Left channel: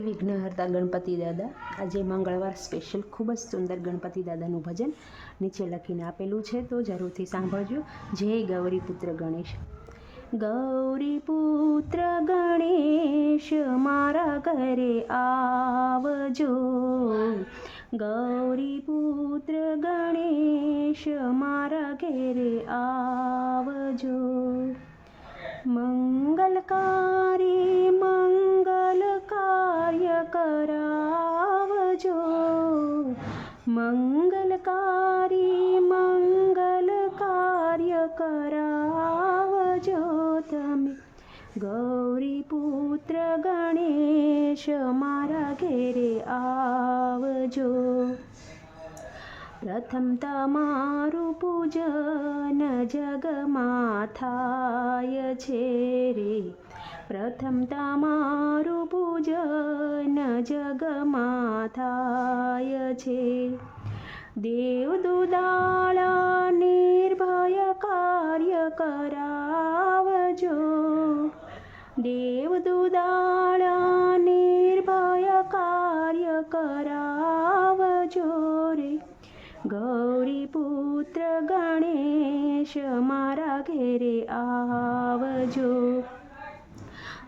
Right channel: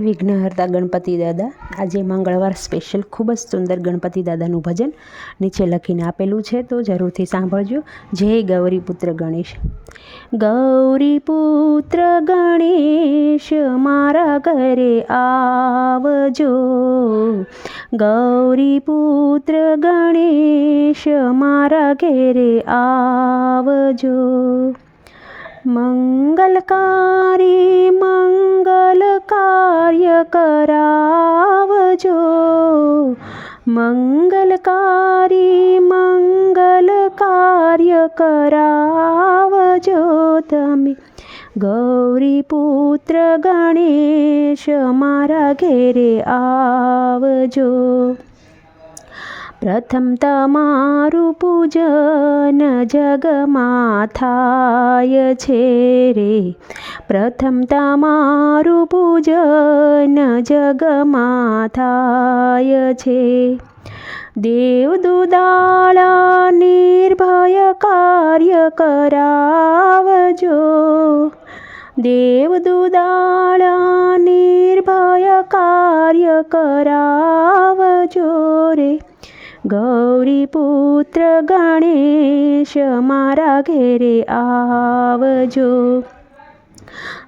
વિઘ્નહર્તા ગણપતિ દાદા. આજે મંગળવાર સ્પેશિયલ ખૂબ જ સુંદર ગણપતિ દાદાનું ભજન નીચે લખીને આપેલું છે, તો જરૂરથી સાંભળજો. જય ગૌરીપુત્ર ગણેશ. ગૌરીપુત્ર ગણેશ મારા ઘરે આવજો. ગૌરીપુત્ર ગણેશ મારા ઘરે આવજો. મંગલકારી મંગલ કાર્ય કરાવજો. મંગલકારી મંગલ કાર્ય કરાવજો તમે. ગૌરીપુત્ર ગણેશ મારા ઘેરે આવજો. પ્રથમ તમારું પૂજન જગમાં થાય છે રે. પ્રથમ તમારું પૂજન જગમાં થાય છે. દેવદુદાળા નિર્ભય કાર્ય કરાવજો. દેવદુદાળા નિર્ભય કાર્ય કરાવજો રે. ગૌરીપુત્ર ગણેશ મારા ઘેરે આવજો.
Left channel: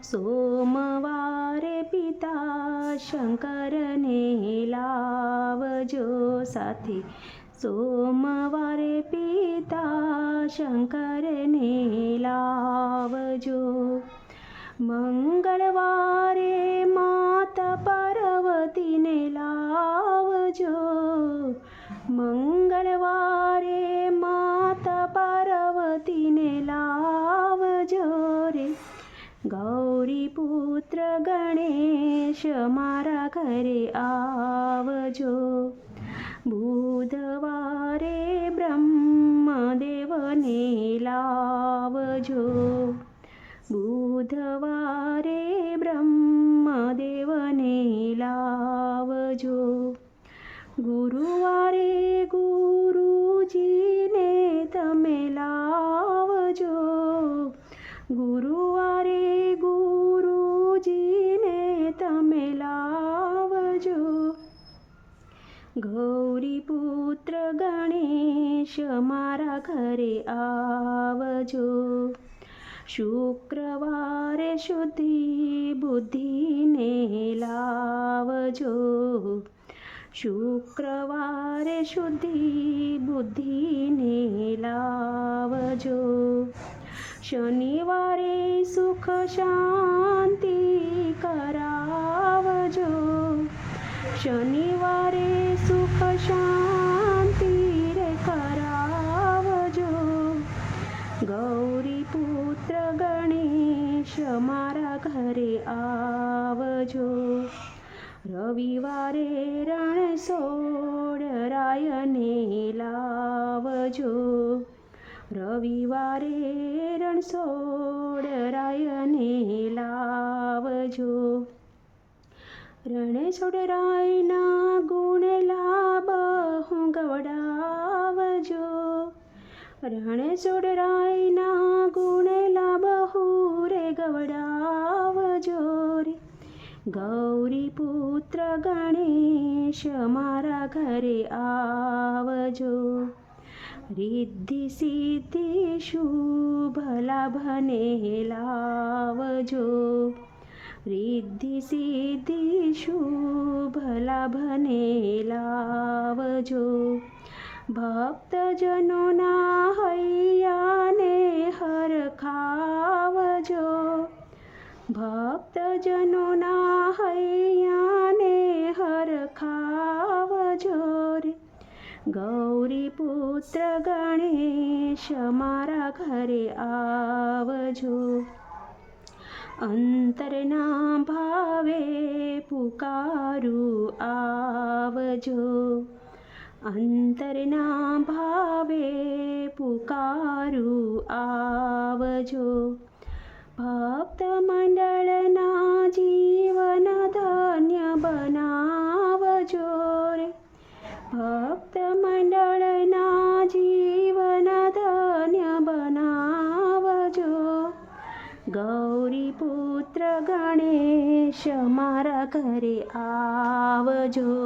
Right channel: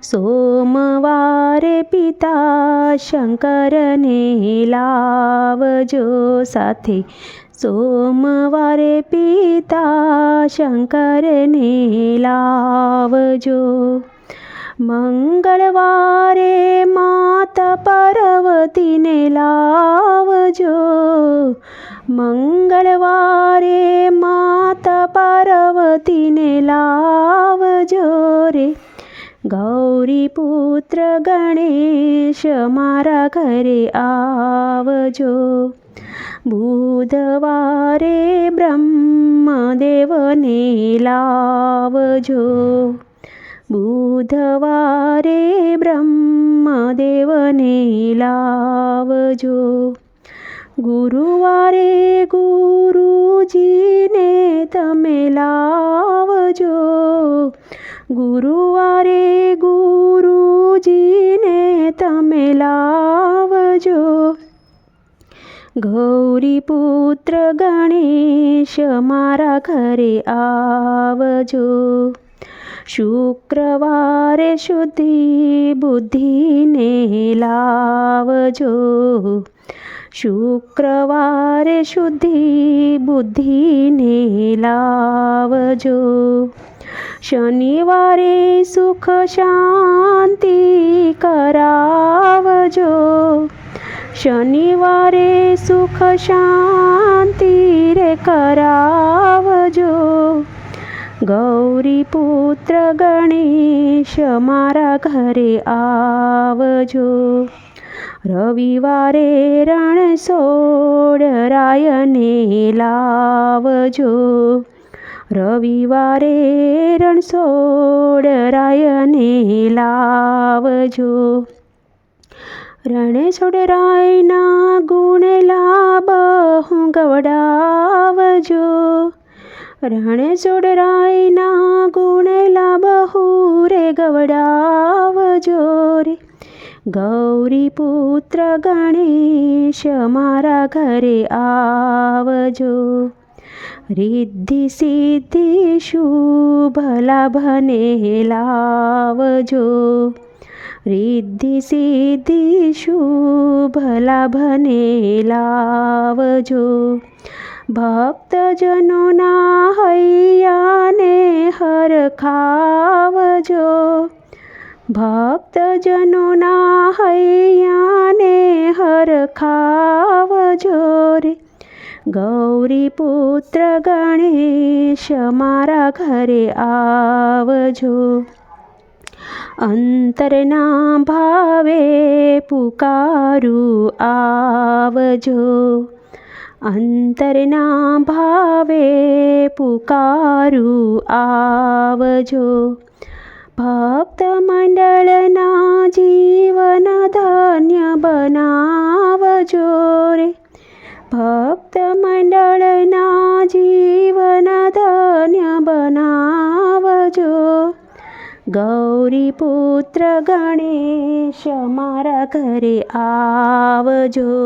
સોમવારે પિતા શંકરને લાવજો સાથે. સોમવારે પિતા શંકરને લાવજો. મંગળવારે માતા પાર્વતીને લાવજો. મંગળવારે માતા પાર્વતીને લાવજો રે. ગૌરીપુત્ર ગણેશ મારા ઘરે આવજો. બુધવારે બ્રહ્મદેવને લાવજો. બુધવારે બ્રહ્મદેવને લાવજો. ગુરુવારે ગુરુજીને તમે લાવજો. ગુરુવારે ગુરુજીને તમે લાવજો. ગૌરીપુત્ર ગણેશ મારા ઘરે આવજો. શુક્રવારે શુદ્ધિ બુદ્ધિને લાવજો. શુક્રવારે શુદ્ધિ બુદ્ધિને લાવજો. શનિવારે સુખ શાંતિ કરાવજો. શનિવારે સુખ શાંતિ રે કરાવજો. ગૌરીપુત્ર ગણેશ મારા ઘરે આવજો. રવિવારે રણછોડરાયને લાવજો. રવિવારે રણછોડરાયને લાવજો. રણછોડરાયના ગુણ લાબહુ ગવડાવજો. રણછોડરાયના ગુણ લાબહુ રે ગવડાવજો રે. ગૌરીપુત્ર ગણેશ મારા ઘરે આવજો. રિદ્ધિ સિદ્ધિ શુભ લાભને લાવજો. રિદ્ધિ સિદ્ધિ શુભ લાભને લાવજો. ભક્તજનોના હૈયાને હરખાવજો. ભક્તજનોના હૈયાને હરખાવજો રે. ગૌરીપુત્ર ગણેશ મારા ઘરે આવજો. અંતરના ભાવે પુકારું આવજો. અંતરના ભાવે પુકારું આવજો. ભક્ત મંડળના જીવન ધન્ય બનાવજો રે. ભક્ત મંડળના જીવન ધન્ય બનાવજો. ગૌરીપુત્ર ગણેશ મારા ઘરે આવજો.